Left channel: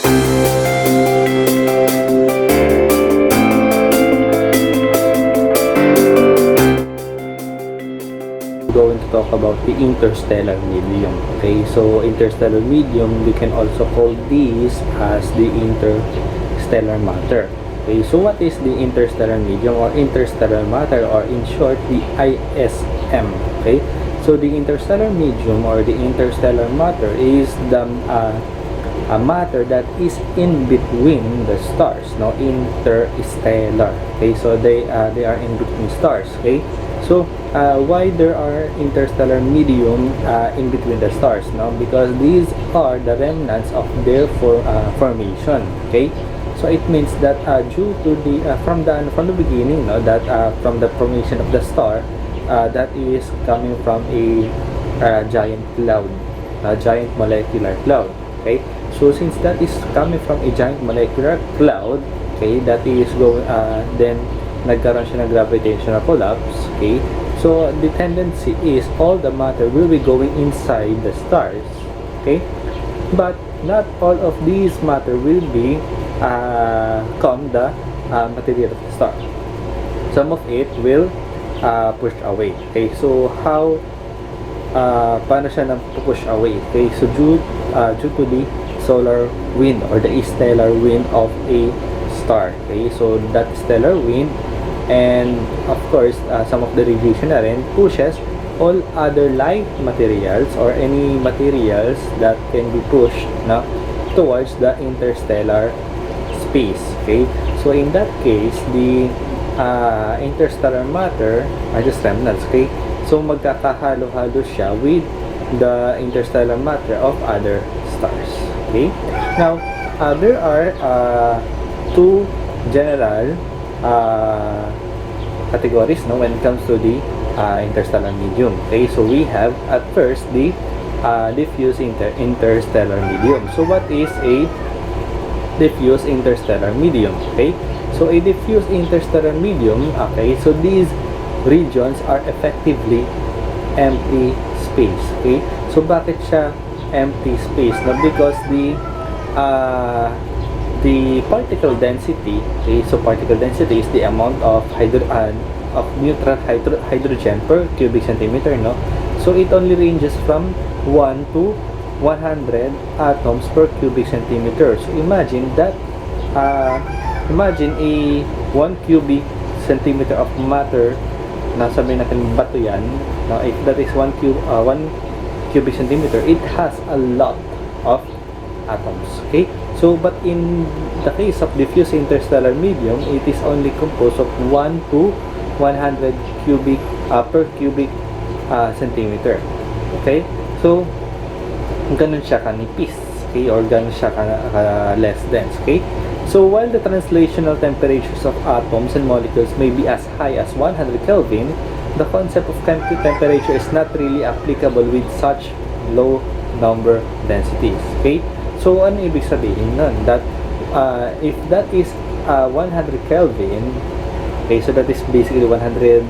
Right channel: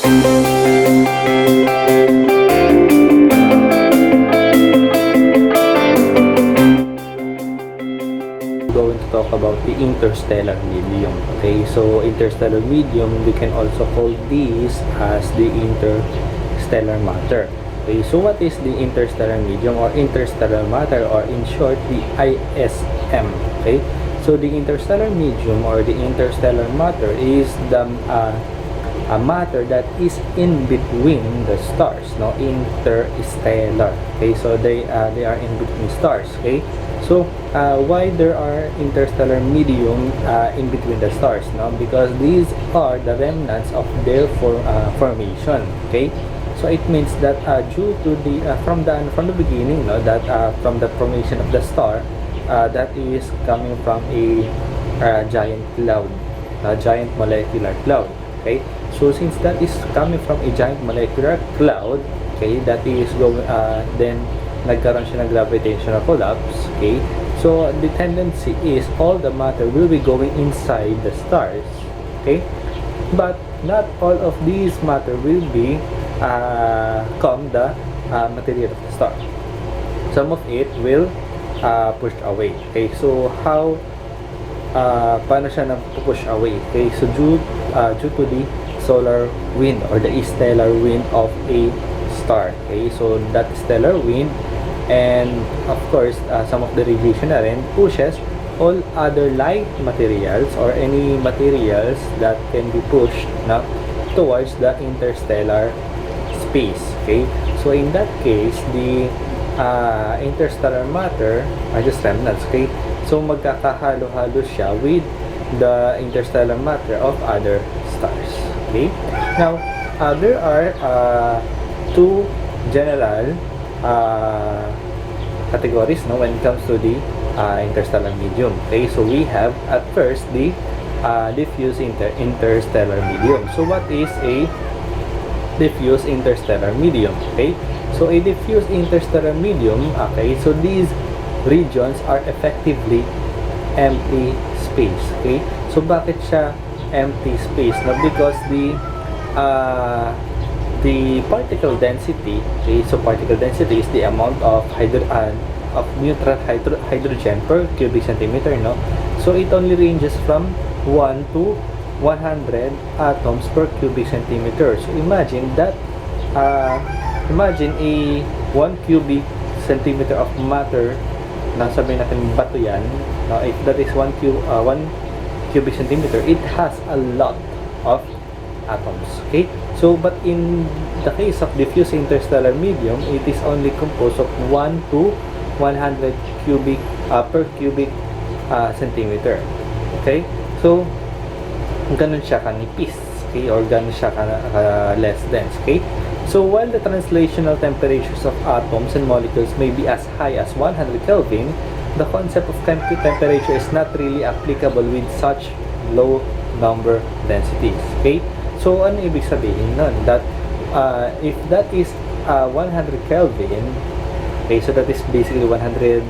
Going to talk about the interstellar medium. Okay, so interstellar medium, we can also call these as the interstellar matter. Okay, so what is the interstellar medium or interstellar matter, or in short the ISM? Okay, so the interstellar medium or the interstellar matter is the a matter that is in between the stars, no, interstellar. Okay, so they are in between stars. Okay, so why there are interstellar medium in between the stars, no? Because these are the remnants of their formation. Okay, so it means that due to the from the beginning, no, that from the formation of the star, that is coming from a giant cloud, a giant molecular cloud. Okay, so since that is coming from a giant molecular cloud, okay, that is going then nagkaroon siya ng gravitational collapse. Okay, so the tendency is all the matter will be going inside the stars. Okay, but not all of these matter will be come the material of the star. Some of it will pushed away. Okay, so how paano siya push away? Okay, so due to the solar wind or the stellar wind of a star. Okay, so that stellar wind, and of course some of the radiation na rin pushes all other light materials or any materials that can be pushed na towards the interstellar space. Okay, so in that case the interstellar matter are just remnants. Okay, so magkakahalo-halo siya with the interstellar matter of other stars. Okay, now there are two general categories, no, when it comes to the interstellar medium. Okay, so we have at first the diffuse interstellar medium. So what is a diffuse interstellar medium? Okay, so a diffuse interstellar medium, okay, so these regions are effectively empty space. Okay, so bakit siya empty space? No, because the particle density, okay, so particle density is the amount of neutral hydrogen per cubic centimeter, no? So it only ranges from 1 to 100 atoms per cubic centimeter. So imagine that imagine a 1 cubic centimeter of matter, nasabihin natin bato yan, no? If that is 1 cubic centimeter, it has a lot of atoms. Okay, so but in the case of diffuse interstellar medium, it is only composed of 1 to 100 cubic per cubic centimeter. Okay, so ganun siya kanipis. Okay, or ganun siya less dense. Okay, so while the translational temperatures of atoms and molecules may be as high as 100 Kelvin, the concept of temperature is not really applicable with such low number densities. Okay, so ano ibig sabihin nun? That if that is 100 Kelvin, okay, so that is basically 100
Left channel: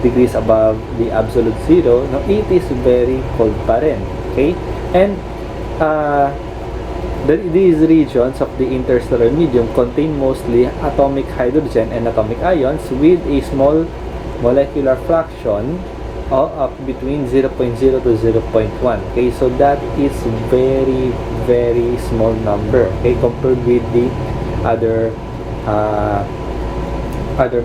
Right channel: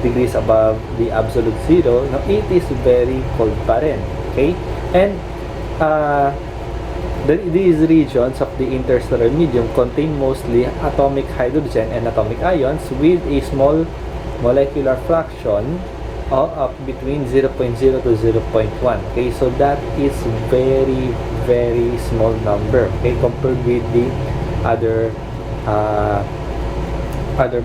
degrees above the absolute zero, no, it is very cold pa rin. Okay, and these regions of the interstellar medium contain mostly atomic hydrogen and atomic ions with a small molecular fraction of between 0.0 to 0.1. Okay, so that is very small number, okay, compared with the other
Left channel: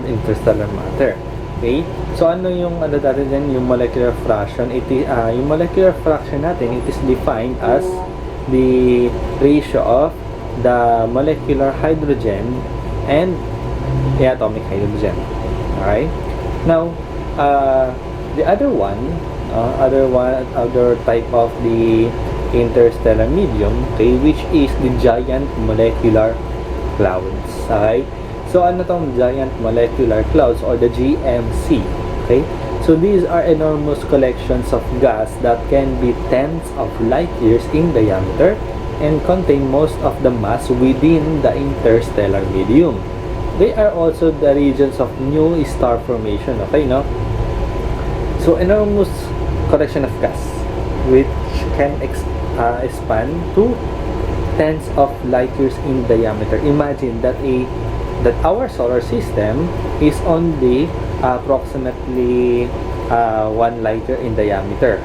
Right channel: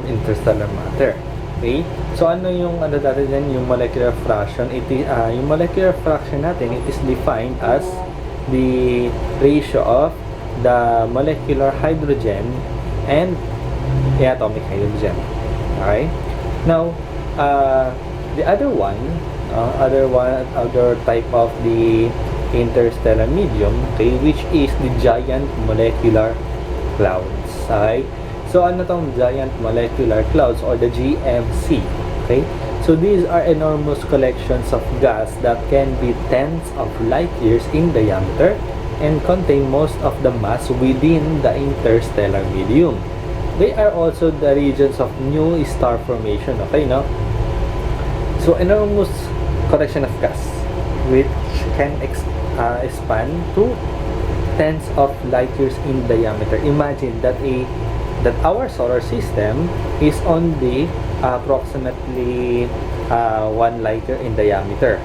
interstellar matter. Okay, so ano yung natin dyan, yung molecular fraction? It is yung molecular fraction natin, it is defined as the ratio of the molecular hydrogen and the atomic hydrogen. Okay, now the other type of the interstellar medium, okay, which is the giant molecular clouds. Okay, so ano tong giant molecular clouds or the GMC? Okay, so these are enormous collections of gas that can be tens of light years in diameter and contain most of the mass within the interstellar medium. They are also the regions of new star formation. Okay, no? So enormous collection of gas which can expand to tens of light years in diameter. Imagine that our solar system is only approximately 1 light year in diameter,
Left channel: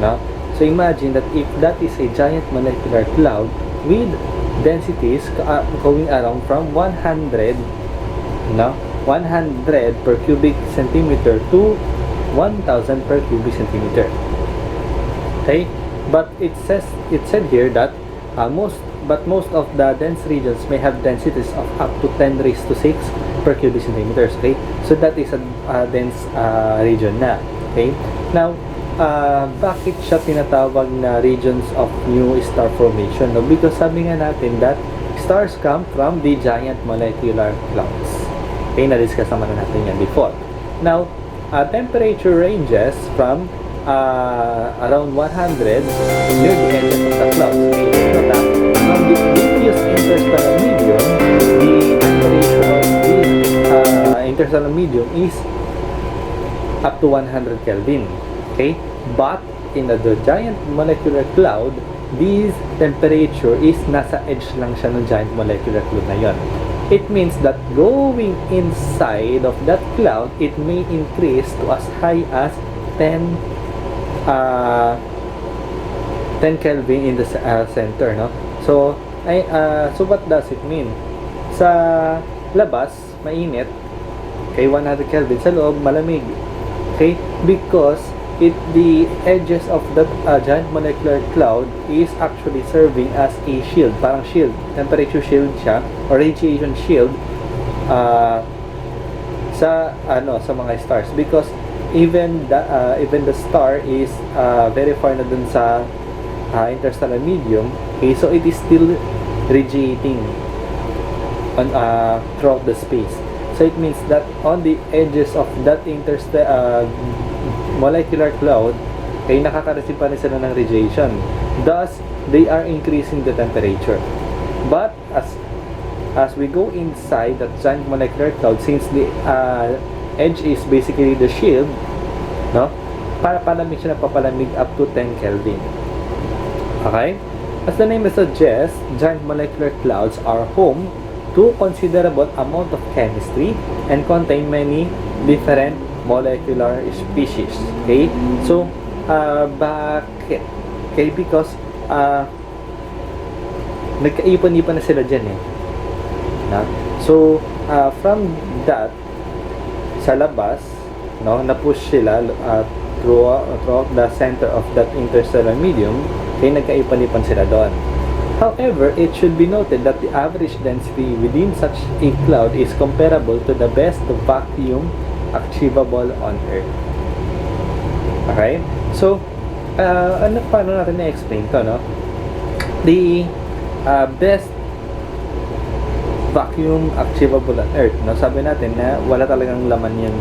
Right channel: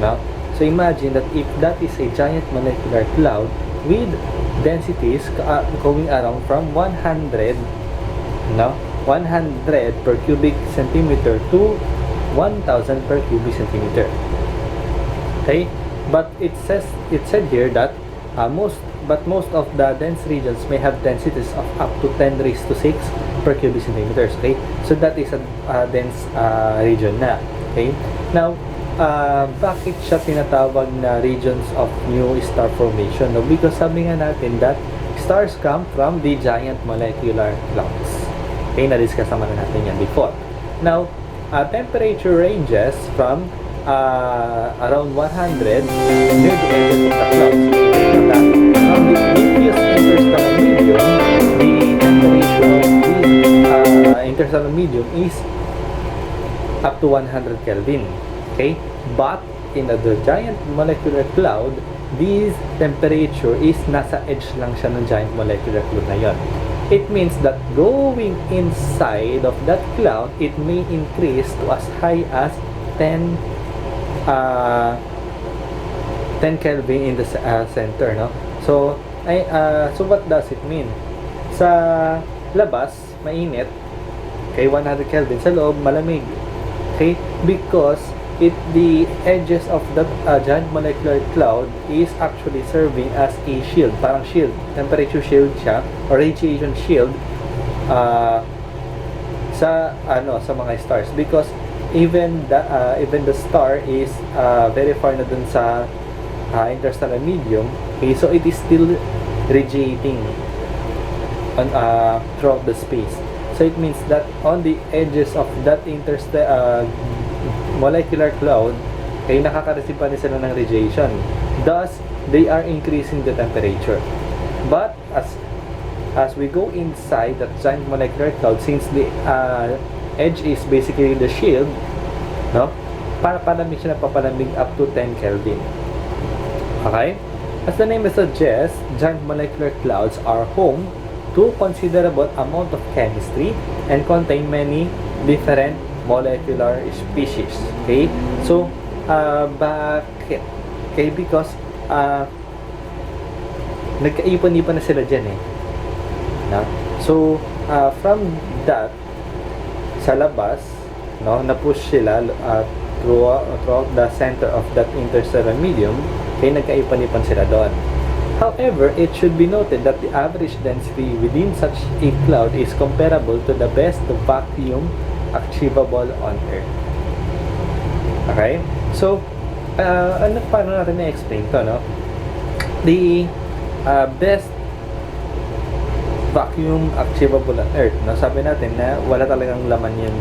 no? So imagine that if that is a giant molecular cloud with densities going around from 100, no, 100 per cubic centimeter to 1000 per cubic centimeter. Okay, but it said here that most of the dense regions may have densities of up to 10 raised to 6 per cubic centimeters. Okay, so that is a dense region na. Okay, now bakit siya tinatawag na regions of new star formation? No? Because sabi nga natin that stars come from the giant molecular clouds. Okay, na-discuss naman natin yan before. Now, temperature ranges from around 100 near the edges of the clouds. Okay, take note that from the diffuse interstellar medium, the temperature of this interstellar medium is up to 100 Kelvin. Okay, but in the giant molecular cloud, this temperature is nasa edge lang siya ng giant molecular cloud na yon. It means that going inside of that cloud, it may increase to as high as 10 Kelvin in the center, no? So what does it mean? Sa labas mainit, okay, 100 Kelvin, sa loob malamig. Okay, because the edges of that giant molecular cloud is actually serving as a shield, parang shield, temperature shield siya or radiation shield sa mga stars, because even the star is very far na dun sa interstellar medium. Okay, so it is still radiating on throughout the space. So it means that on the edges of that molecular cloud, ay nakaka-receive pa rin sila ng radiation. Thus, they are increasing the temperature. But as we go inside that giant molecular cloud, since the edge is basically the shield, no? Palamig siya, papalamig up to 10 Kelvin. Okay? As the name suggests, giant molecular clouds are home to considerable amount of chemistry and contain many different molecular species. Okay, so bakit? Okay, because nagkaipon-ipon na sila dyan eh, no? So from that, sa labas, no, na-push sila throughout the center of that interstellar medium. Okay, nagkaipon-ipon sila doon. However, it should be noted that the average density within such a cloud is comparable to the best vacuum achievable on Earth. Okay? So, paano natin na-explain to, no? The best vacuum achievable on Earth, no? Sabi natin na wala talagang laman yung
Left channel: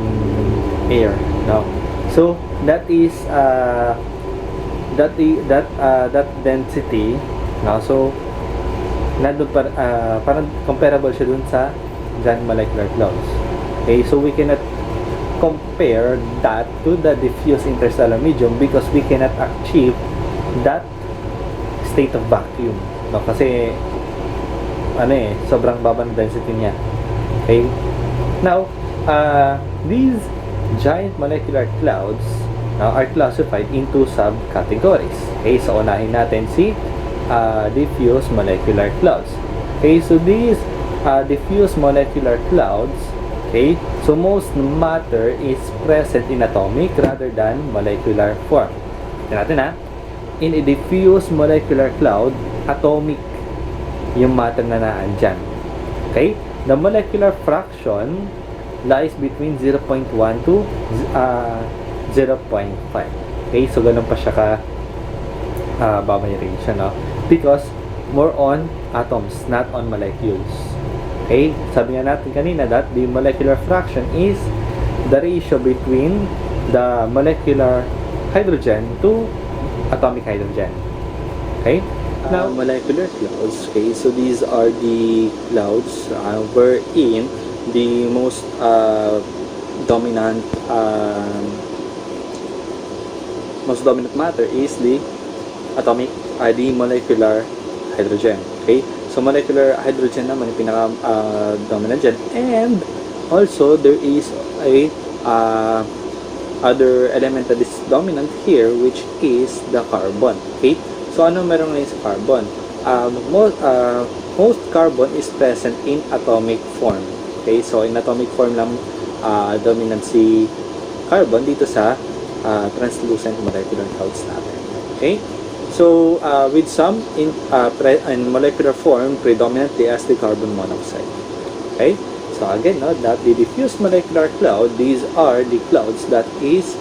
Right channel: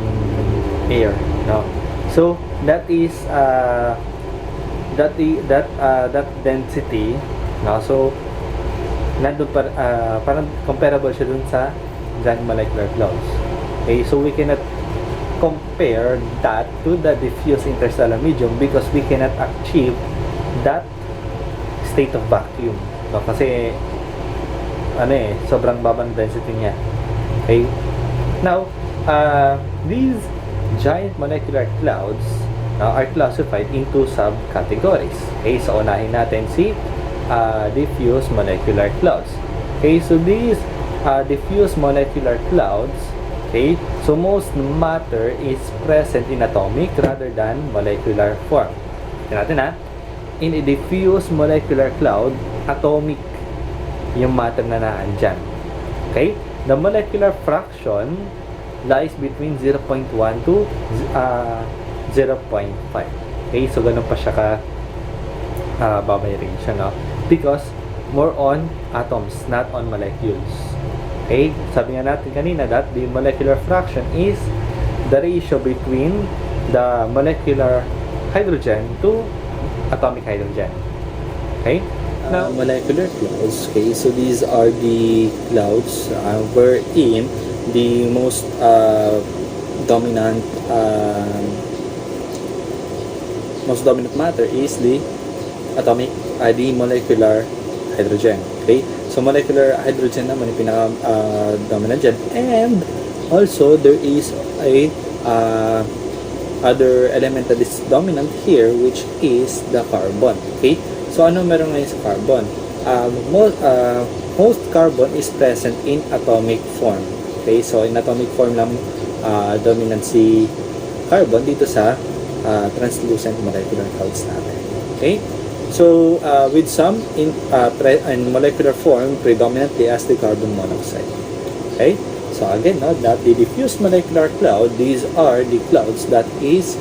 air, no? So, that is that density, no? So, nandun parang comparable siya dun sa giant molecular clouds. Okay? So, we cannot compare that to the diffuse interstellar medium because we cannot achieve that state of vacuum, no? Kasi sobrang baba ng density niya. Okay, now these giant molecular clouds now are classified into subcategories. Okay, so unahin natin si diffuse molecular clouds. Okay, so these diffuse molecular clouds, okay, so most matter is present in atomic rather than molecular form. Tignan natin ha. In a diffuse molecular cloud, atomic yung matter na naandyan. Okay? The molecular fraction lies between 0.1 to 0.5. Okay? So, ganun pa siya ka baba yung range, no? Because more on atoms, not on molecules. Okay? Sabi nga natin kanina that the molecular fraction is the ratio between the molecular hydrogen to atomic hydrogen. Okay? Now, molecular clouds. Okay, so these are the clouds wherein the most dominant matter is the atomic, the molecular hydrogen. Okay? So molecular hydrogen naman yung pinaka-dominant dyan. And also, there is a other element that is dominant here, which is the carbon. Okay? So ano meron ngayon sa carbon? Most carbon is present in atomic form. Okay? So in atomic form ng dominant si carbon dito sa translucent molecular clouds natin. Okay? So, with some in molecular form predominantly as the carbon monoxide. Okay? So again, that the diffuse molecular cloud, these are the clouds that is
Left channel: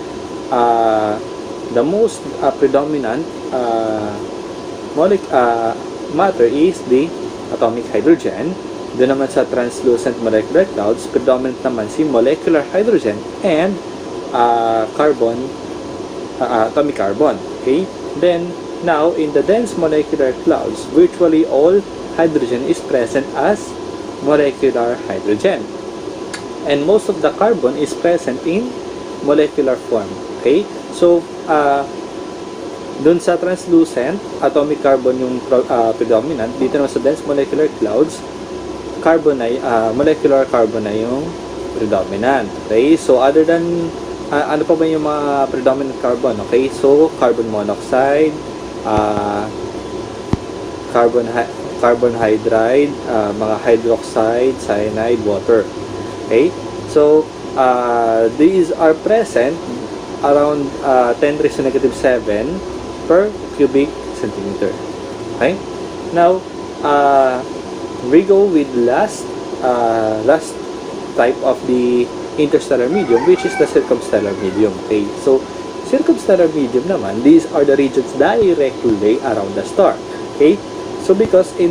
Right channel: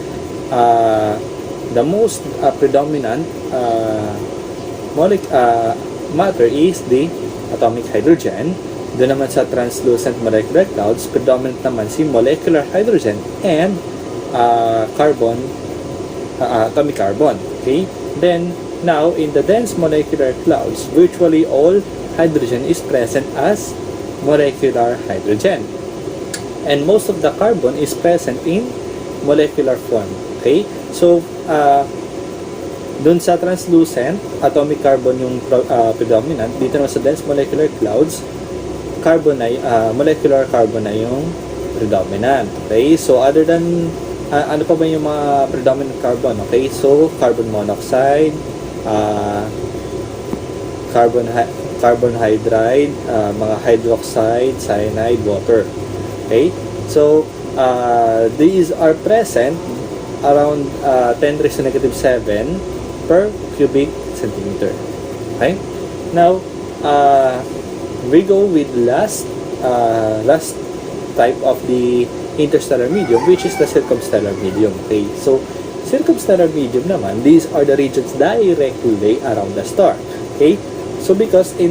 the most predominant matter is the atomic hydrogen. Doon naman sa translucent molecular clouds, predominant naman si molecular hydrogen and carbon, atomic carbon. Okay? Then, now, in the dense molecular clouds, virtually all hydrogen is present as molecular hydrogen. And most of the carbon is present in molecular form. Okay? So, dun sa translucent, atomic carbon yung predominant. Dito naman sa dense molecular clouds, carbon ay, molecular carbon ay yung predominant. Okay? So, other than, ano pa ba yung mga predominant carbon? Okay? So, carbon monoxide, carbon hydride, mga hydroxide, cyanide, water. Okay? So, these are present around 10 raised to negative 7 per cubic centimeter. Okay? Now, we go with last type of the interstellar medium, which is the circumstellar medium. Okay? So, circumstellar medium naman, these are the regions directly around the star. Okay? So because in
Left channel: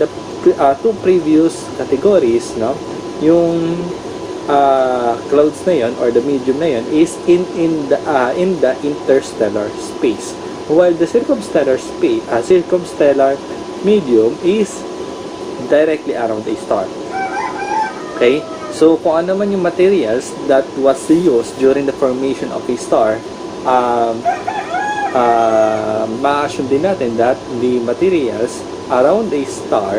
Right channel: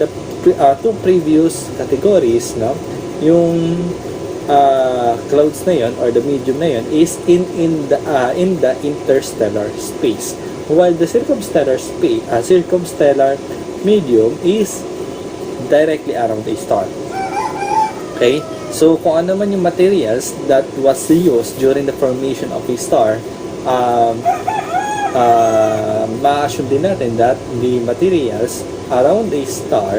the two previous categories, no, yung clouds na yun or the medium na yun is in the interstellar space, while the circumstellar medium is directly around the star. Okay? So kung ano man yung materials that was used during the formation of a star, ma-assume din natin that the materials around the star,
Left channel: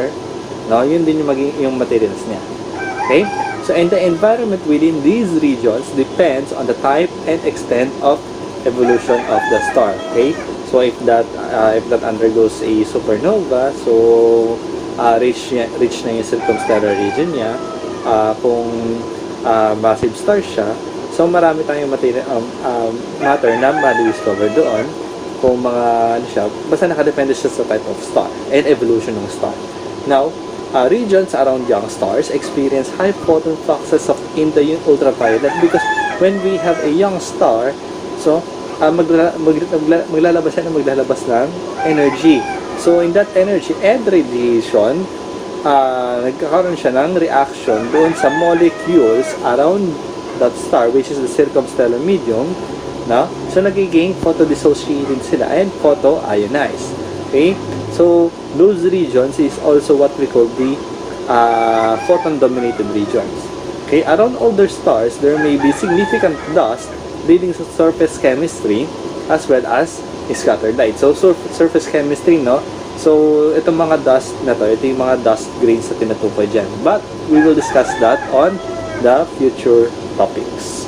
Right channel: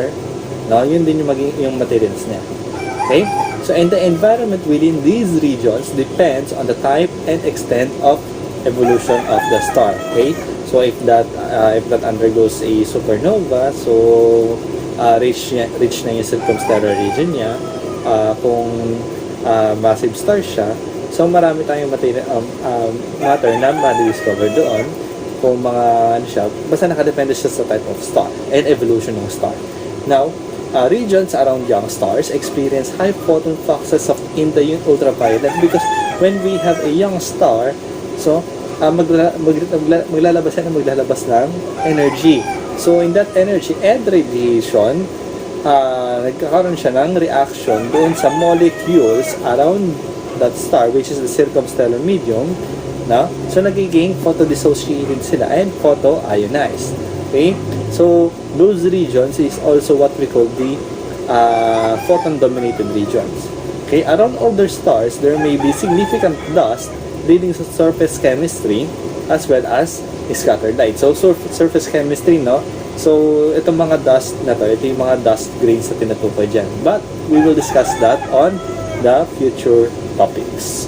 yun din yung magiging yung materials niya. Okay? So, and the environment within these regions depends on the type and extent of evolution of the star. Okay? So, if that undergoes a supernova, so rich na yung circumstellar region niya, kung massive star siya, so marami tayong matter na ma-discover doon kung mga ano siya, basta nakadepende siya sa type of star and evolution ng star. Now, regions around young stars experience high photon fluxes in the ultraviolet because when we have a young star, so maglalabas siya na maglalabas ng energy. So in that energy and radiation, nagkakaroon siya ng reaction doon sa molecules around that star, which is the circumstellar medium. No? So, nagiging photo-dissociated sila and photo-ionized. Okay? So, those regions is also what we call the photon-dominated regions. Okay? Around older stars, there may be significant dust leading to surface chemistry as well as scattered light. So, surface chemistry, no? So, itong mga dust na to, ito yung mga dust grains na tinutukoy dyan. But, we will discuss that on the future topics.